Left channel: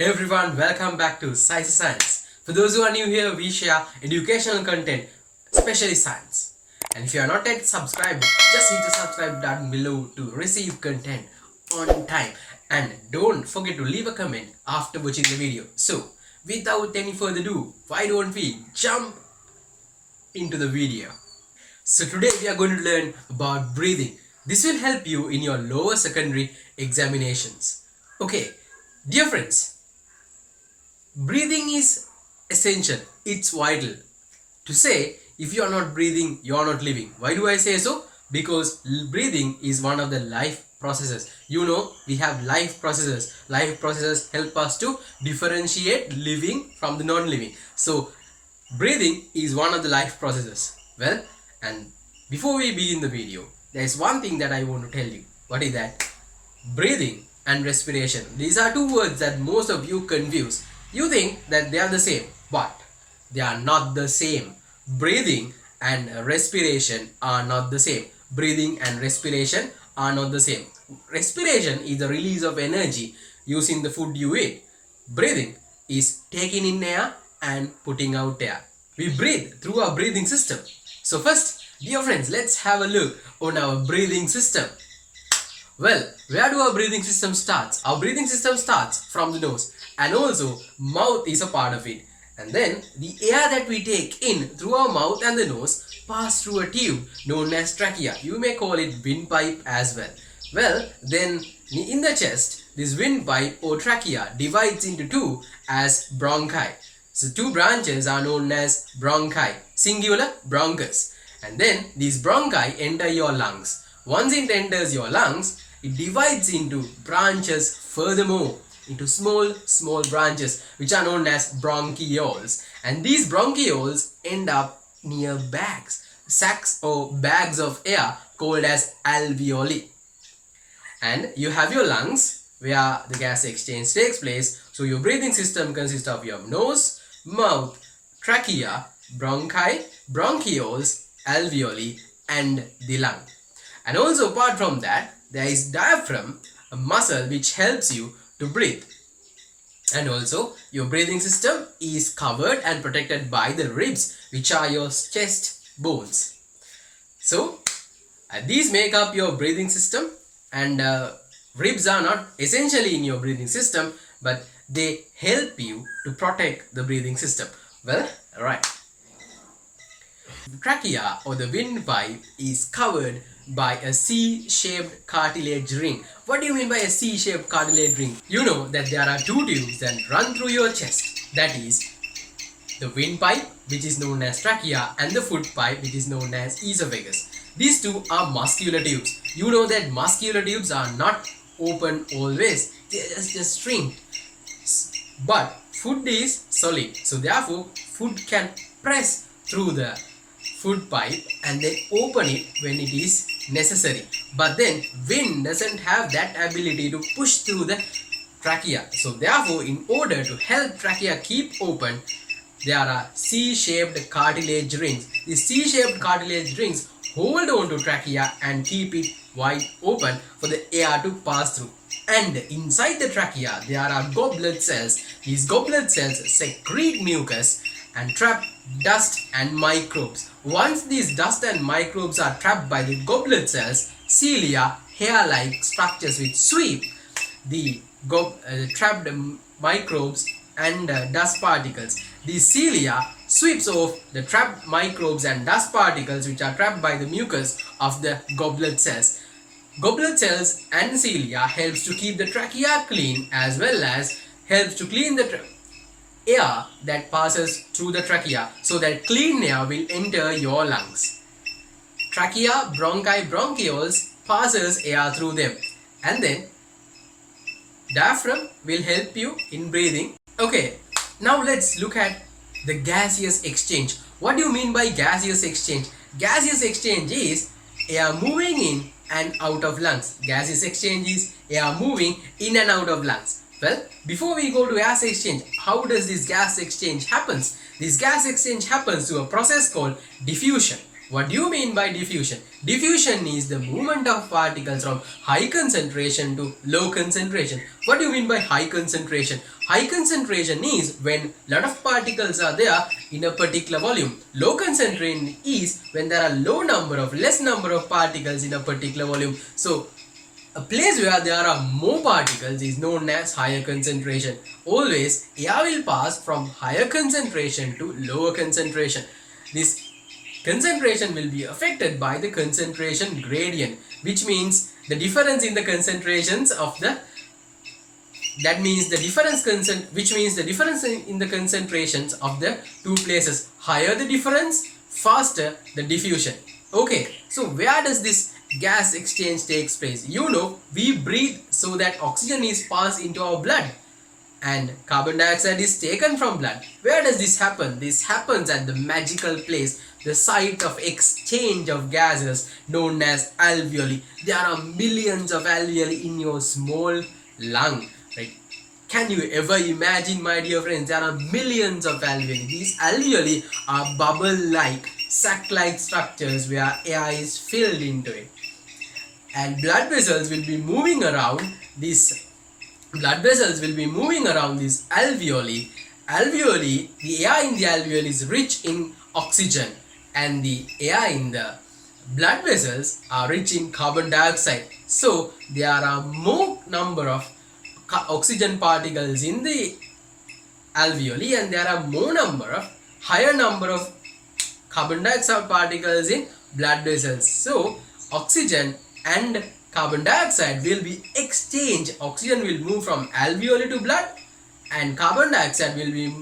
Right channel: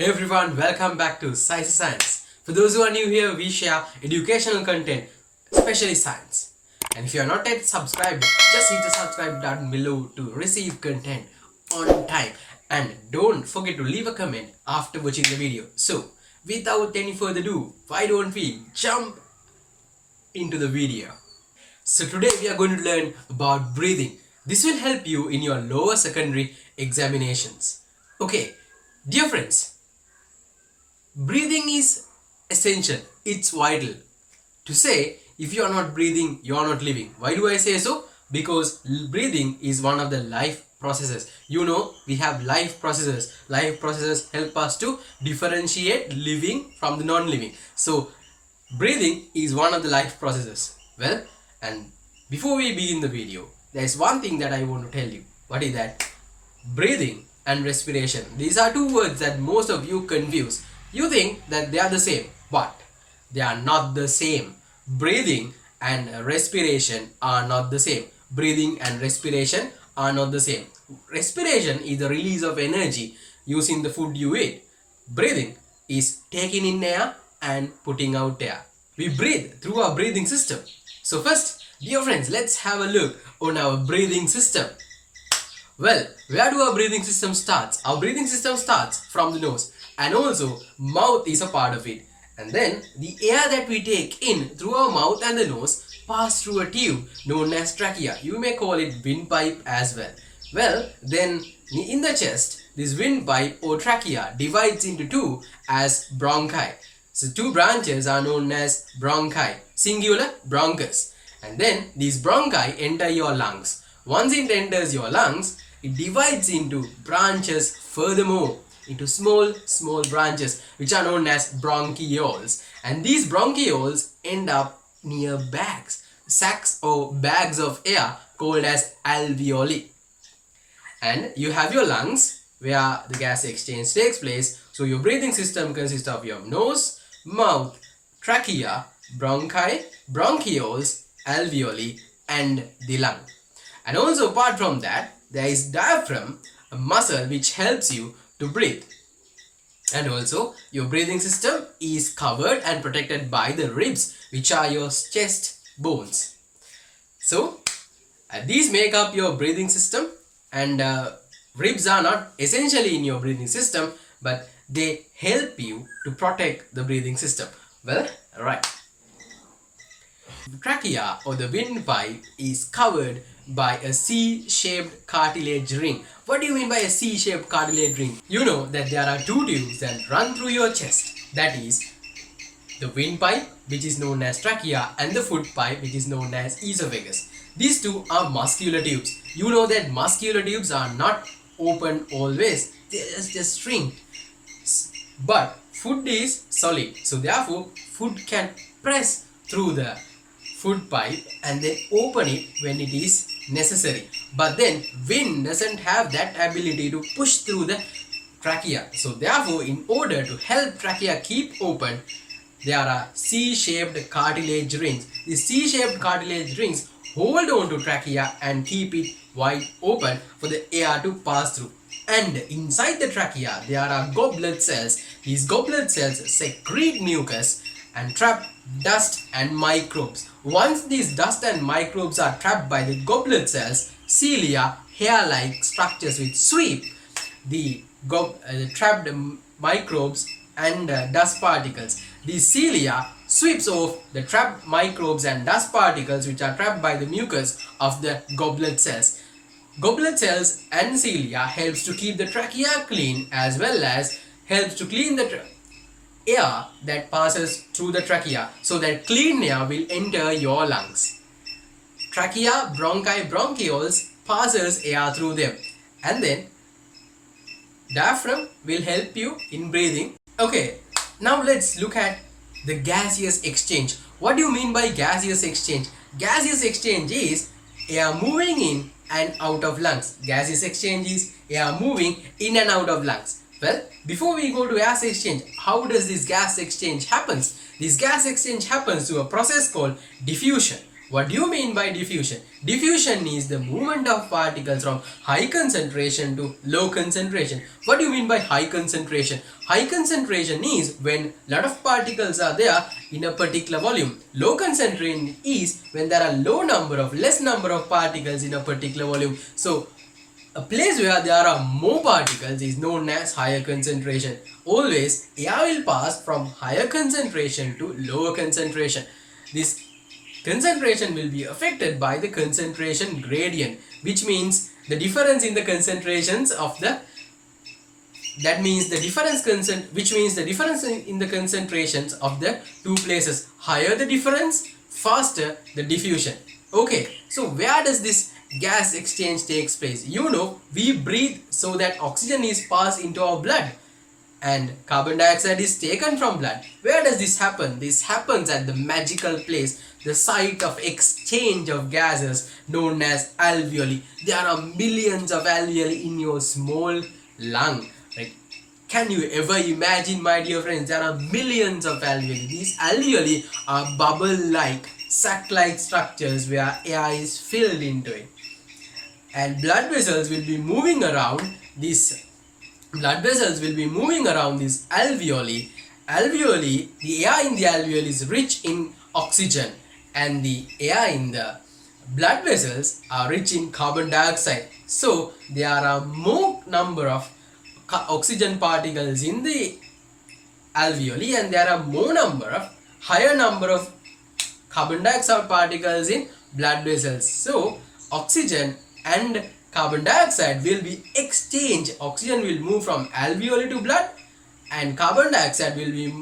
Hey everyone, welcome back to SISA Science. For those who are new here, we share educational content, especially science. And if you are not yet subscribed, just hit the subscribe button below to receive content on time. And don't forget to leave a comment after watching the video. So, without any further ado, why don't we jump into the video? So today we are going to learn about breathing. This will help you in your lower secondary examinations. Okay, dear friends, breathing is essential. It's vital. To say, if you are not breathing, you are not living. Why do I say so? Because breathing is one of the life processes. You know, we have life processes. Life processes help us to differentiate living from the non-living. So, breathing is one of the life processes. Well, and before we begin the video, there is one thing that I want to tell you. What is that? Breathing and respiration. These are two words that most of you confuse. You think that they are the same, but they are not the same. Breathing and respiration are not the same. Breathing and respiration are not the same. Respiration is the release of energy using the food you eat. Breathing is taking in air and putting out air. We breathe through our breathing system. So first, dear friends, let's have a look on our breathing system. Well, where do our breathing system starts? Our breathing system starts from the nose, and also mouth is a part of it. And then the air that we take in through our mouth and the nose pass through a tube known as trachea. You may call it windpipe as well. Well, then in the chest, this windpipe or trachea divides into two as bronchi. So two branches are known as bronchi, singular bronchus. And then these bronchi enter your lungs. Once it enters your lungs, it divides into branches furthermore, into small branches which are known as bronchioles. And these bronchioles end up near bags, sacs or bags of air called as alveoli. And you have your lungs where the gas exchange takes place. So your breathing system consists of your nose, mouth, trachea, bronchi, bronchioles, alveoli and the lung. And also apart from that, there is diaphragm, a muscle which helps you to breathe. And also your breathing system is covered and protected by the ribs, which are your chest bones. So these make up your breathing system, and ribs are not essentially in your breathing system, but they help you to protect the breathing system. Well, right. The trachea or the windpipe is covered by a C-shaped cartilage ring. What do you mean by a C-shaped cartilage ring? You know that there are two tubes that run through your chest. That is the windpipe, which is known as trachea, and the food pipe, which is known as esophagus. These two are muscular tubes. You know that muscular tubes are not open always. They are just shrink. But food is solid. So therefore, food can press through the food pipe and then open it when it is necessary. But then wind doesn't have that ability to push through the trachea. So therefore, in order to help trachea keep open, there are C-shaped cartilage rings. These C-shaped cartilage rings hold on to trachea and keep it wide open for the air to pass through. And inside the trachea, there are goblet cells. These goblet cells secrete mucus and trap dust and microbes. Once these dust and microbes are trapped by the goblet cells, cilia, hair-like structures which sweep the trapped microbes and dust particles. These cilia sweeps off the trapped microbes and dust particles which are trapped by the mucus of the goblet cells. Goblet cells and cilia helps to keep the trachea clean, as well as helps to clean the air that passes through the trachea, so that clean air will enter your lungs. Trachea, bronchi, bronchioles passes air through them, and then diaphragm will help you in breathing. Okay, now let's look at the gaseous exchange. What do you mean by gaseous exchange? Gaseous exchange is air moving in and out of lungs. Gaseous exchange is air moving in and out of lungs. Well, before we go to gas exchange, how does this gas exchange happens? This gas exchange happens through a process called diffusion. What do you mean by diffusion? Diffusion is the movement of particles from high concentration to low concentration. What do you mean by high concentration? High concentration is when a lot of particles are there in a particular volume. Low concentration is when there are less number of particles in a particular volume. So a place where there are more particles is known as higher concentration. Always air will pass from higher concentration to lower concentration. This concentration will be affected by the concentration gradient, which means the difference in the concentrations of the difference in the concentrations of the two places. Higher the difference, faster the diffusion. Okay, so where does this gas exchange takes place? We breathe so that oxygen is passed into our blood and carbon dioxide is taken from blood. Where does this happen? This happens at the magical place, the site of exchange of gases known as alveoli. There are millions of alveoli in your small lung, right? Can you ever imagine, my dear friends, there are millions of alveoli. These alveoli are bubble-like, sac-like structures where air is filled into it. And blood vessels will be moving around these alveoli. The air in the alveoli is rich in oxygen and the air in the blood vessels are rich in carbon dioxide. So there are more number of oxygen particles in the alveoli and there are higher number of carbon dioxide particles in blood vessels. So oxygen and carbon dioxide will be exchanged. Oxygen will move from alveoli to blood and carbon dioxide will be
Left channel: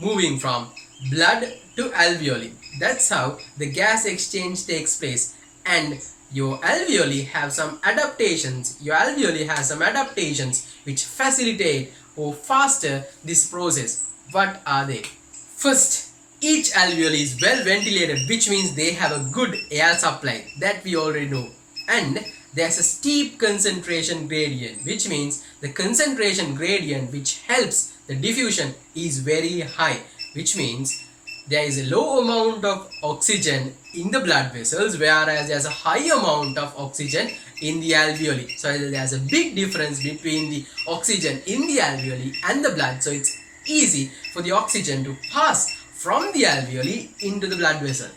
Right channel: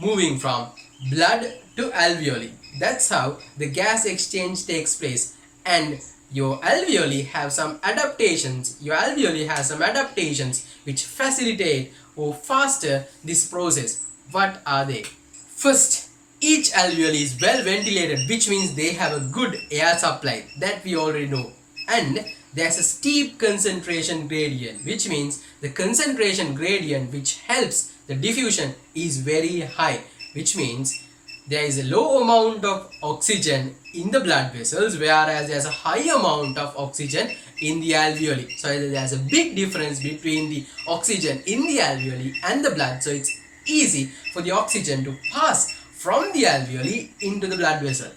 moving from blood to alveoli. That's how the gas exchange takes place. And your alveoli have some adaptations. Which facilitate or faster this process. What are they? First, each alveoli is well ventilated, which means they have a good air supply. That we already know. And there's a steep concentration gradient, which means the concentration gradient which helps the diffusion is very high, which means there is a low amount of oxygen in the blood vessels, whereas there's a high amount of oxygen in the alveoli. So there's a big difference between the oxygen in the alveoli and the blood. So it's easy for the oxygen to pass from the alveoli into the blood vessel.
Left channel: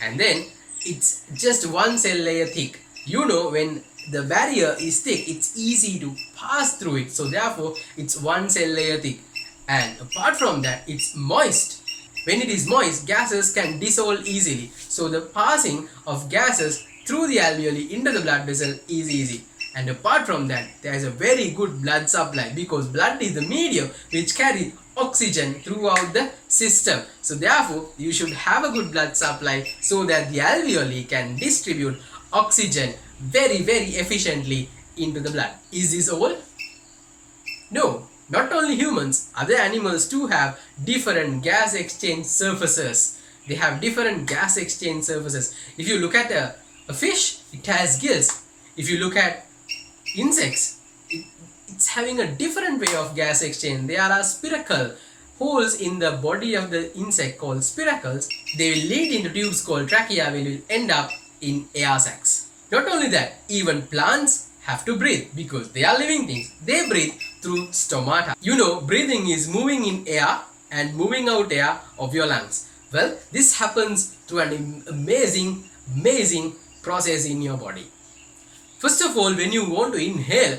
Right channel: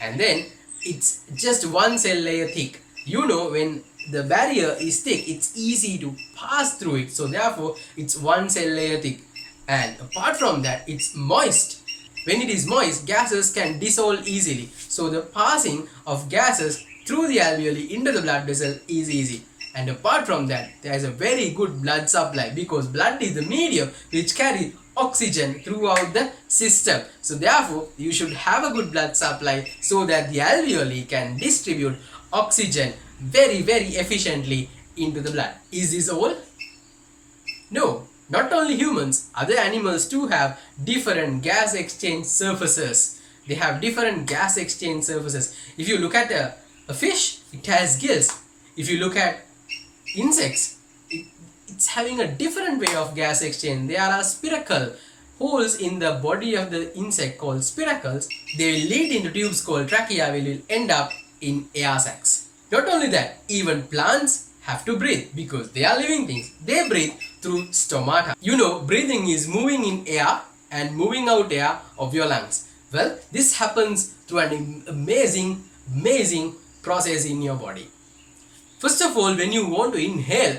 And then it's just one cell layer thick. When the barrier is thick, it's easy to pass through it. So therefore, it's one cell layer thick. And apart from that, it's moist. When it is moist, gases can dissolve easily. So the passing of gases through the alveoli into the blood vessel is easy. And apart from that, there is a very good blood supply because blood is the medium which carries oxygen throughout the system. So therefore, you should have a good blood supply so that the alveoli can distribute oxygen very efficiently into the blood. Is this all? No, not only humans, other animals too have different gas exchange surfaces. They have different gas exchange surfaces. If you look at a fish, it has gills. If you look at insects, it's having a different way of gas exchange. There are spiracle holes in the body of the insect called spiracles. They will lead into tubes called trachea, which will end up in air sacs. Not only that, even plants have to breathe because they are living things. They breathe through stomata. Breathing is moving in air and moving out air of your lungs. Well, this happens through an amazing process in your body. First of all, when you want to inhale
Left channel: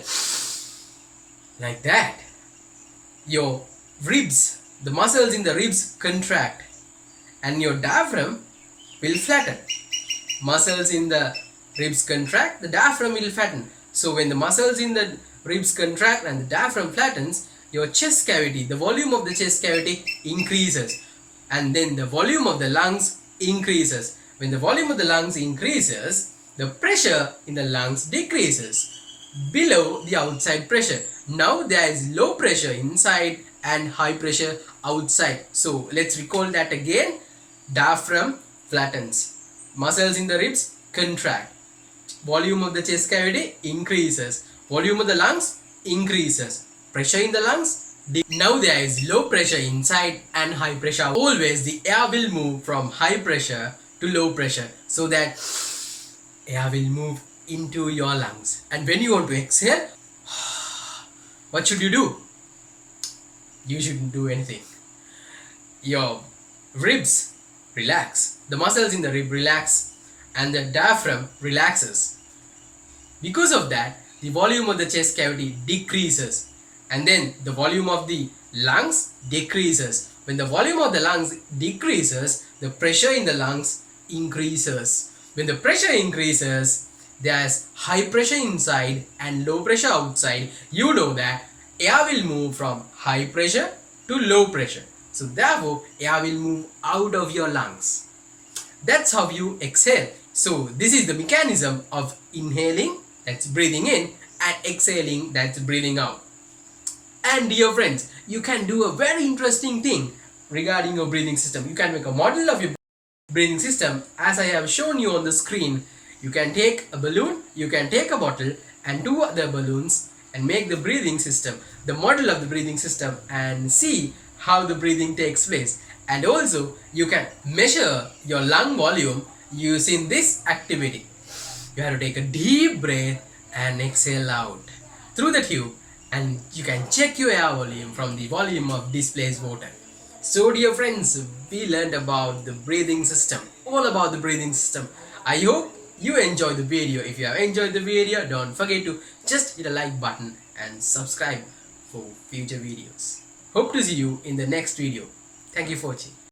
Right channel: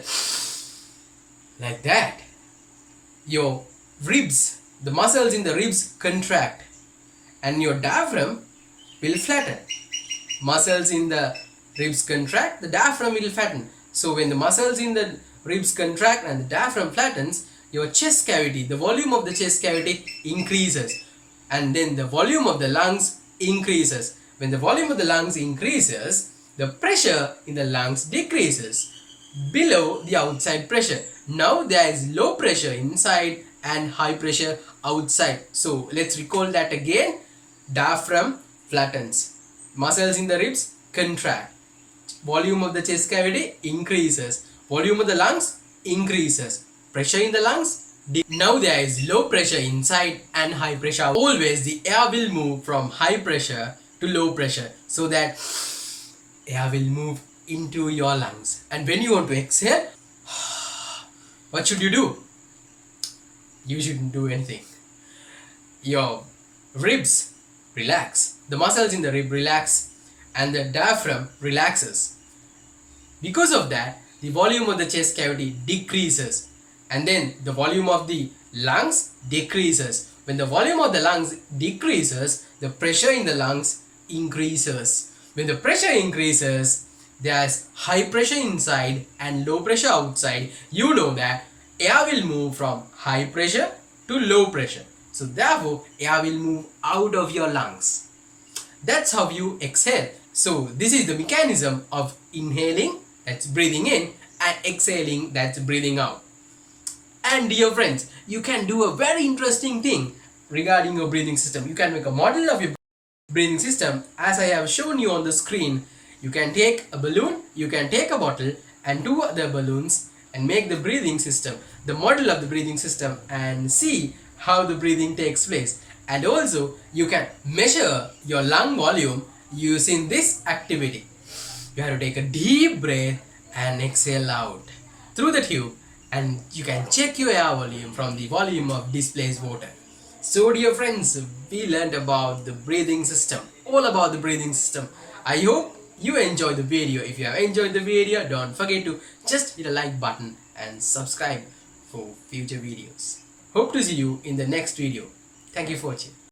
like that, your ribs, the muscles in the ribs contract and your diaphragm will flatten. Muscles in the ribs contract, the diaphragm will flatten. So when the muscles in the ribs contract and the diaphragm flattens, your chest cavity, the volume of the chest cavity increases, and then the volume of the lungs increases. When the volume of the lungs increases, the pressure in the lungs decreases below the outside pressure. Now there is low pressure inside and high pressure outside. So let's recall that again. Diaphragm flattens. Muscles in the ribs contract. Volume of the chest cavity increases. Volume of the lungs increases. Pressure in the lungs. Now there is low pressure inside and high pressure. Always the air will move from high pressure to low pressure so that air will move into your lungs. And when you want to exhale, what should you do? You shouldn't do anything. Your ribs relax, the muscles in the rib relax, and the diaphragm relaxes. Because of that, the volume of the chest cavity decreases, and then the volume of the lungs decreases. When the volume of the lungs decreases, the pressure in the lungs increases. When the pressure increases, there's high pressure inside and low pressure outside. You know that air will move from high pressure to low pressure. So therefore, air will move out of your lungs. That's how you exhale. So this is the mechanism of inhaling, that's breathing in, and exhaling, that's breathing out. And dear friends, you can do a very interesting thing regarding your breathing system. You can make a model of your breathing system as I have shown you on the screen. You can take a balloon, you can take a bottle and two other balloons and make the breathing system, the model of the breathing system, and see how the breathing takes place. And also you can measure your lung volume using this activity. You have to take a deep breath and exhale out through the tube, and you can check your air volume from the volume of displaced water. So dear friends, we learned about the breathing system, all about the breathing system. I hope you enjoyed the video. If you have enjoyed the video, don't forget to just hit a like button and subscribe for future videos. Hope to see you in the next video. Thank you for watching.